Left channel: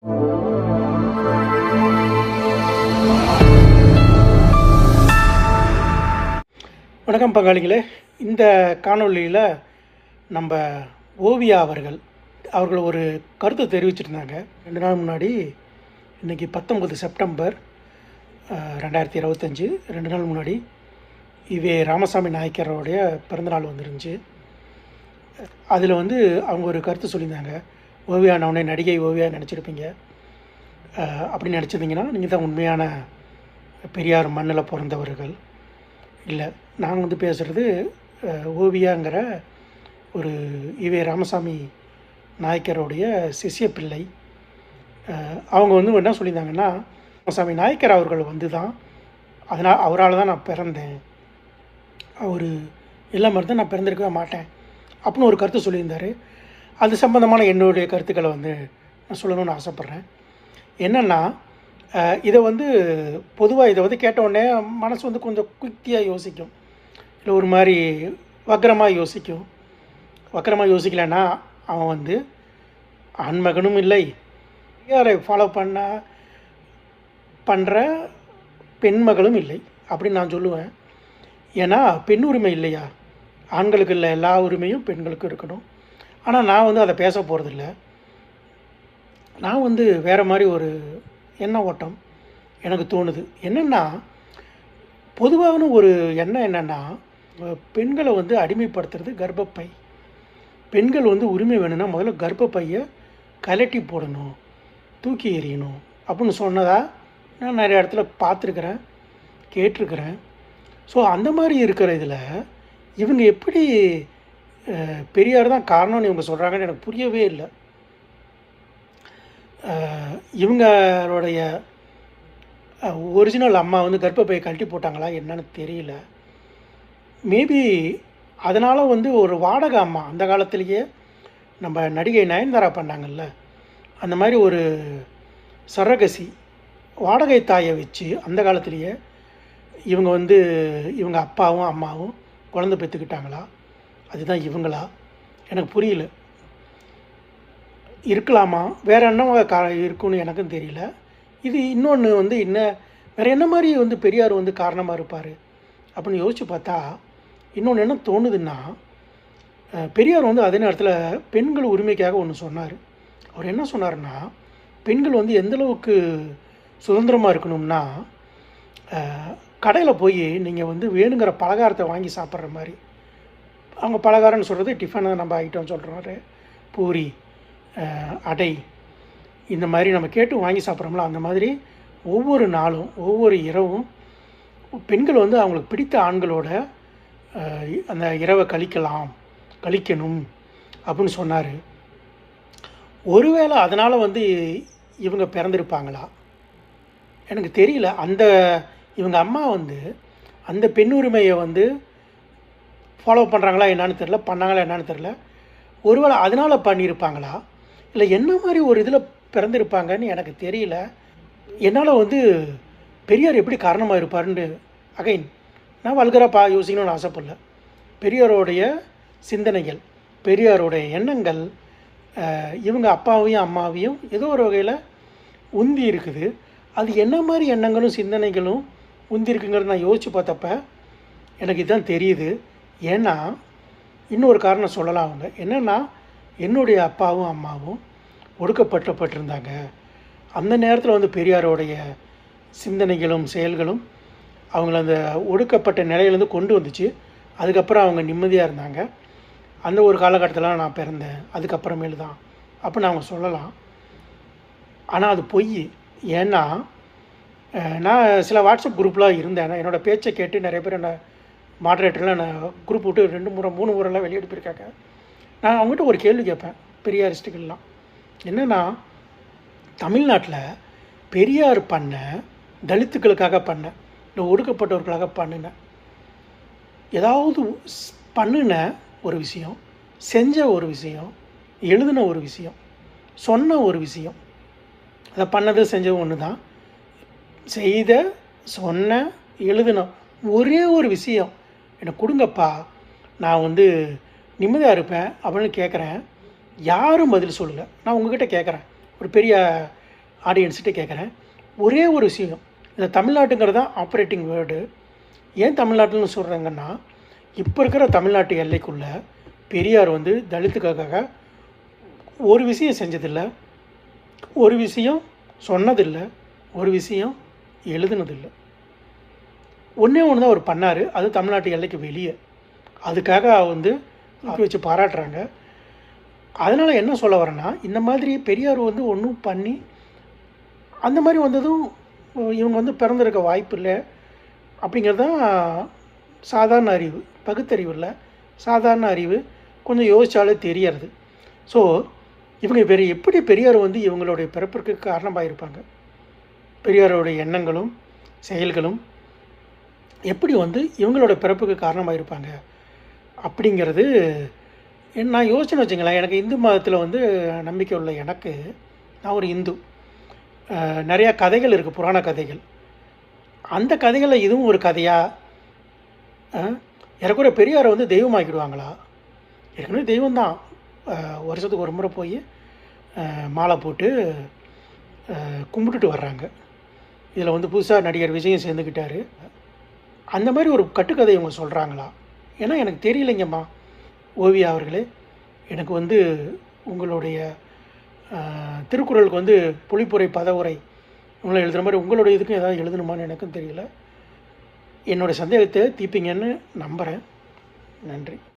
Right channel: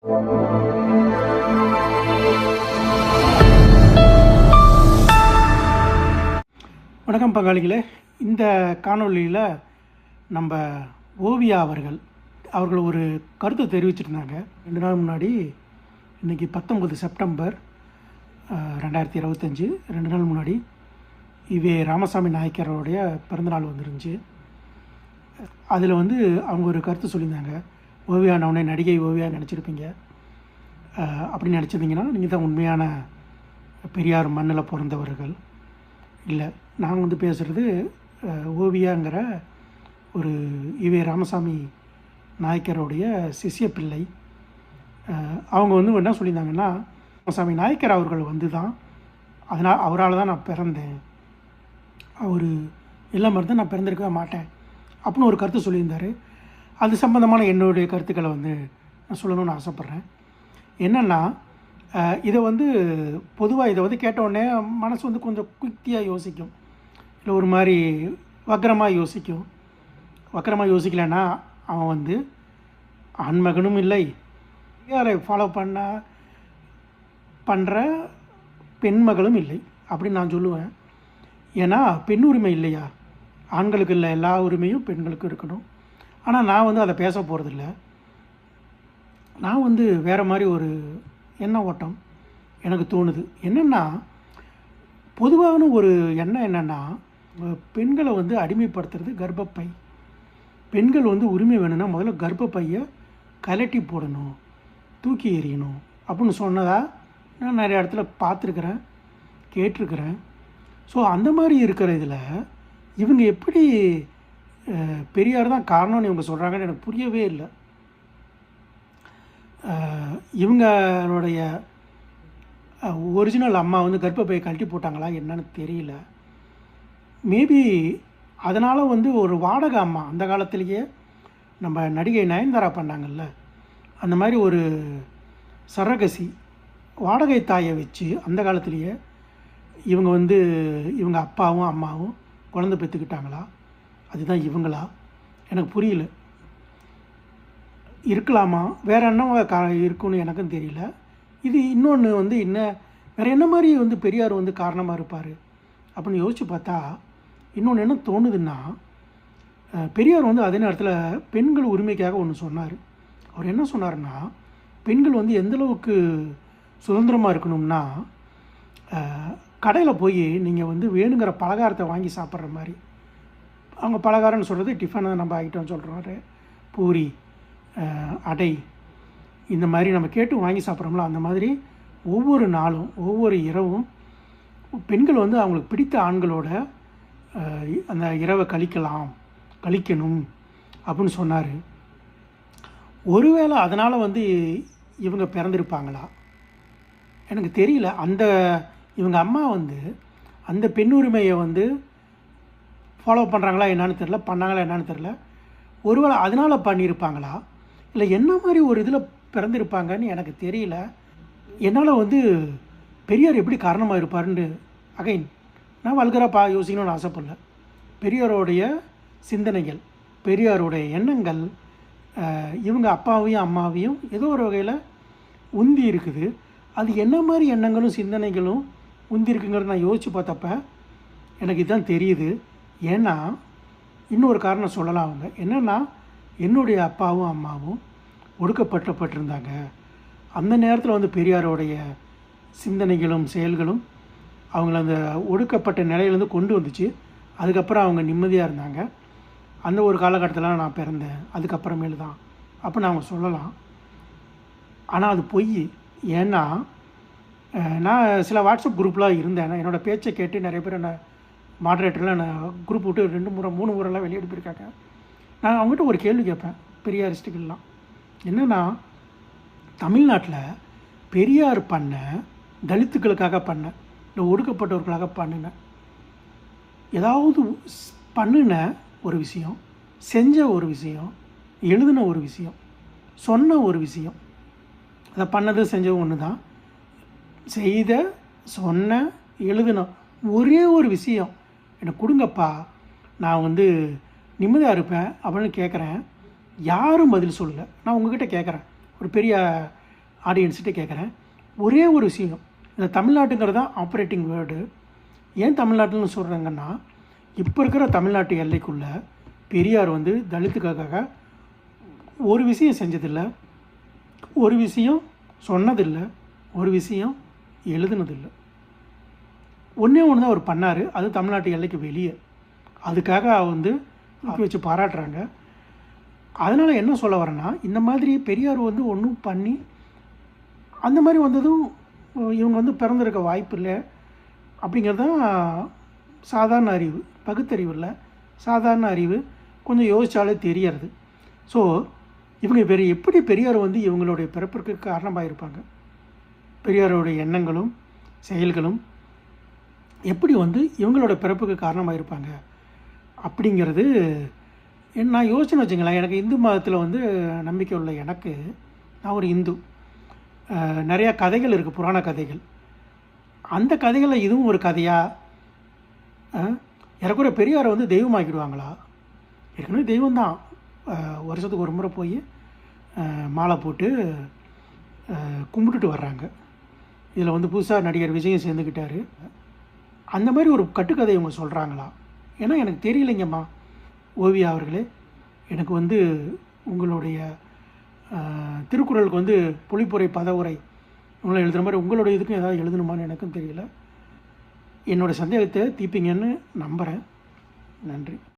வணக்கம் பங்காளிகளே. இந்த காணொளியில் நம்ம ஓவியா அவர்கள் அவர்கள் ஒரு கருத்து தெரிவிச்சிருந்தாங்க. ரெண்டு நாள் முன்னாடி இன்றைக்கி பத்தொம்பது செப்டம்பர் ரெண்டாயிரத்தி இருபத்தஞ்சி. ரெண்டு நாள் முன்னாடி இவே ராமசாமி நாயக்கரோடைய பிறந்தநாள் வந்துருந்துச்சு. அதில் வந்து அவங்க ஒரு கருத்து சொல்லியிருந்தாங்க. ஓவியானவனே உடனே நடிகை ஓவியா நினச்சிருப்பீங்க அப்படி நினச்சிருந்தீங்கன்னா நீங்கள் தான் உண்மையான பெரியார் மண்ணில் பிறந்தவர்கள். இல்லை நான் வந்து பேசுகிறது ஓவியாங்கிற ஒரு இவே ராமசாமி நாயக்கருடைய சிஷ்ய பிள்ளை. அவங்க வந்து என்ன சொல்லியிருந்தாங்கன்னா ராமசாமி நாயக்கர் அவர்கள் வந்து தான் அதனால் அவரால் தான் நான் பிறந்தேன். அவர் இல்லாமல் இருந்தால் நான் பிறந்திருக்கவே மாட்டேன். அப்படின்னு ஒரு கருத்து சொல்லியிருந்தார். அது சம்பந்தமான என்னுடைய கருத்துக்களை வந்து நான் சொல்லணும்னு ஆசைப்பட்றேன். என்னென்னா இதை வந்து பொதுவாக இதை வந்து கேட்டவுடனே மனசு வந்து கொஞ்சம் குத்தியாக யோசிக்கும். இல்லை ஒரு மாதிரி வக்கரமாக யோசிக்கும். வக்கரமாக யோசிக்கலைன்னா அவன் வந்து ஆண்மகனும் இல்லை. யாரை ஃபாலோ பண்ண பண்ணுற பெண்மகளும் இல்லை அப்படின்னு நான் சொல்லுவேன். ஏன்னா பெண் உரிமை இல்லையா? ஆண்களுக்கு இல்லை எல்லா உரிமையும் பெண்களுக்கு இருக்கணும். ஆனால் நான் வந்து அதை பேச போகிறதில்ல நான் வந்து வேறு மாதிரி ஒரு எண்ண ஓட்டம் எனக்கு தோணுது. என்னென்னா பொதுவான ஒரு எண்ணம் என்னென்னா பெண்களை வந்து அடிமைப்படுத்துறது கர்ப்பப்பை. பெண்கள் வந்து உரிமை வேணும்னா முதல்ல கர்ப்பப்பையை கலட்டி போடணும் தூக்கி எறியணும் அப்படின்னு சொன்னதா நான் நிறைய இடத்துல பார்த்துருக்குறேன் கேட்டிருக்கிறேன். ஸோ அந்த மாதிரி இருக்கிற இதில் இவங்க எப்படி பெரியார் தான் காரணம்னு இவங்க சொல்கிறாங்கன்னு எனக்கு புரியவே இல்லை. இவங்களுடைய ஒரிஜினல் அம்மா வந்து கர்ப்பப்பையை கழட்டி போட்டாங்களா என்னன்னு தெரியல. மேபி அதனால் வந்து ஒரு வாடகை அம்மா அந்த காலத்திலேயே நம்ம நடிகை நயன்தாரா பண்ணாங்கல்ல. அந்த மாதிரி ஒரு சரகசி வாடகை தாயை வச்சு அந்த காலத்திலேயே இவங்க வந்து இவங்க அப்பாவும் அம்மாவும் குழந்தை பெற்றுக்கிட்டாங்களா? அதுதான் இவங்களா? எனக்கு புரியல. இருக்கலாமா? வேறு என்ன கா இருக்குன்னு எனக்கும் தெரியல. இது இன்னொன்று வந்து என்ன வேற என்ன மாதிரி வந்து பெரியார் வந்து காரணமாக இருப்பார்? அப்படின்னு யோசித்து பார்த்தா இன்னொன்று என்ன தோணுதுன்னா பெரியார் வந்து அதே நேரத்தில் பெண்கள் உரிமைக்காக ஒன்று சொன்னார். அவர் என்ன சொன்னார்னா பெண்கள் வந்து எந்தளவுக்கு சுதந்திரமாக இருக்கணும்னா கடையில் போய் நீங்கள் வந்து வேணுங்கிற பலகாரத்தை வாங்கி சாப்பிட்ற மாதிரி. அவங்க பலகாரம்னு சொல்கிறது டிஃபனை நம்ம ஐட்டம் சொல்கிறாரு பூரி அடை இந்த மாதிரி நம்ம கேட்டு வாங்கி சாப்பிட்றோம்ல அந்த மாதிரி ஒவ்வொரு நாளும் ஒவ்வொரு இரவும் பெண்கள் வந்து அவங்களுக்கு பிடித்த ஆண்களோட அந்த இரவை கழிக்கலாம் கழிக்கணும் அப்படின்னு சொன்னார். ஒருவேளை அதனால் வந்து இவங்க பிறந்திருப்பாங்களா? எனக்கு தெரியல. அந்த இவங்க அம்மா வந்து அந்த பெண் உரிமையை வந்து ஃபாலோ பண்ணுறாங்களா என்னன்னு தெரில பண்ணாங்களா என்னன்னு தெரில ஒருவேளை அதனால் பண்ணியிருப்பாங்களா? இல்லை என்ன மாதிரி ஒரு இதில் பிறந்திருப்பாங்கன்னு எனக்கு தெரியல. என்னால் வந்து பெரியார் எப்படி காரணமாக இருப்பாருன்னு அகைன் நான் வல்கராக பா யோசிக்கணும்னு ஆசைப்படல. பெரியாரோடைய சிந்தனைகள் பெரியாருடைய எண்ணங்கள் இவங்க அப்பாவையும் அம்மாவையும் ஏதோ ஒரு வகையில் உந்தி இருக்குது. அது என்ன மாதிரி எண்ணங்களும் சிந்தனைகளும் உந்தி இருக்குங்கிறத நான் யோசித்து பார்த்தப்ப எனக்கு இதுதான் தெரியுது. ஏன்னா இன்னொரு காரணம் சொல்லலாம் அவங்க. என்னென்னா என்னுடைய அப்பாவும் அம்மாவும் ஒடுக்கப்பட்டப்பட்டிருந்தாங்க. அந்த நேரத்தில் வந்து பெரியாரோடைய சிந்தனைகளும் செயல்களும் அவங்கள அந்த ஒடுக்கப்பட்ட நிலையிலேருந்து கொண்டு வந்துச்சு. அதுக்கப்புறம் அவங்க நிம்மதியாக இருந்தாங்க. அந்த ஒரு காலகட்டத்தில் நான் பிறந்தேன். அதுக்கப்புறமேலு தான். அப்படின்னு அவங்க சொல்லலாம். ஆனால் அது பொய். ஏன்னா நான் சில வாட்ஸ்அப் குரூப்லாம் இருந்தேன். என்னோடய பேச்சை கேட்டு நிறைய பேர் என்ன மாடரேட்டர்லாம் நான் குரூப் விட்டு ரெண்டு முறை மூணு முறைலாம் வெளியே போயிருக்காங்க நான் அவங்ககிட்ட ஒரு கேள்வி கேட்பேன் பெரியாரிஸ்ட்டுக்கெல்லாம் என்னென்னா தமிழ்நாட்டில் பெரியார் பண்ண தலித்துக்களுக்காக பண்ண இல்லை ஒடுக்கப்பட்டவர்களாக பண்ணின ஏதாவது பண்ணின ஒரு விஷயம் செஞ்ச ஒரு விஷயம் எழுதின ஒரு விஷயம் சொன்ன ஒரு விஷயம் அதை பண்ணது செஞ்சது ஒன்று தான் செய்த சொன்ன எழுதின ஒரே ஒரு விஷயம் எனக்கு கொடுங்கப்பா. நான் வந்து நிம்மதியாக இருப்பேன் அப்படின்னு கேட்குறேன் யாரும் பதில் சொல்லலை. நான் உங்ககிட்ட கேட்குறேன் ஒரு பெரிய ஆடியன்ஸ்கிட்ட கேட்குறேன் ஒரே ஒரு விஷயம். இந்த தமிழ்நாட்டுங்கிறது தான் ஆப்ரேட்டிங் வேர்டு ஏன் தமிழ்நாட்டுன்னு சொல்கிறாங்கன்னா இப்போ இருக்கிற தமிழ்நாட்டு எல்லைக்குள்ளே பெரியார் வந்து தலித்துக்காக ஒரு விஷயம் செஞ்சதில்லை. ஒரு விஷயம் சொன்னதில்லை. ஒரு விஷயம் எழுதுனதில்லை. ஒன்றே ஒன்று தான் அவர் பண்ணார். அது தமிழ்நாட்டு எல்லைக்கு வெளியே. அதுக்காக வந்து தூக்கி வச்சு பாராட்டுறாங்க. அதனால் என்ன சொல்ல வரேன்னா இந்த மாதிரி பெரியார் வந்து ஒன்றும் பண்ணி அந்த மாதிரி வந்ததும் இவங்க வந்து பிறந்திருக்க வாய்ப்பு இல்லை. அப்படிங்கிறது தான் சாதாரண அறிவு பகுத்தறிவு இல்லை. சாதாரண அறிவு கொஞ்சம் யோசித்தாலே தெரியறது. ஸோ இவங்க வேறு எப்படி பெரியார் வந்து இவங்களுடைய பிறப்பிற்கு காரணமாக இருப்பாங்க பெரியாரோடைய எண்ணங்களும் செயல்களும் எப்படி வந்து இவங்களோட பிறப்புக்கு காரணமாக இருப்பாங்க அப்படிங்கிறது நான் யோசனை வச்சுங்களேன். எனக்கு இந்து மதத்தில் வந்து நம்பிக்கை உள்ள எனக்கு நான் ஒரு இந்து. நிறையா கதைகள் இருக்குது புராண கதைகள். அந்த கதைகளில் இதுவும் ஒரு கதையாக இறக்குற பெரியாரை வந்து தெய்வமாக்கிடுவாங்களா? ஏற்கனவே தெய்வம் தான் வருஷத்துக்கு ஒரு முறை போய் மாலை போட்டு கும்பிட்டுட்டு வர்றாங்க. இதில் வந்து புதுசாக நடிகர் விஜயம் சேர்ந்துக்கிட்டாரு அந்த மாதிரி ஒரு கட்டுக்கதை இவங்க சொல்கிறாங்களா ஏன்னா எனக்கு தெரியலைங்கம்மா. ஓவியா அவர்களே எனக்கு வந்து உங்களுடைய திருக்குறளுக்கு வந்து பொழிப்புரை பதவுரை உங்களை எழுதுகிற மாதிரி உங்களுடைய இதுக்கும் ஏதாவது எழுதணுமான்னு எனக்கும் தெரியல. என்னோடய சந்தேகத்தை தீர்ப்பீங்கன்னு நம்புகிறேன் நன்றி.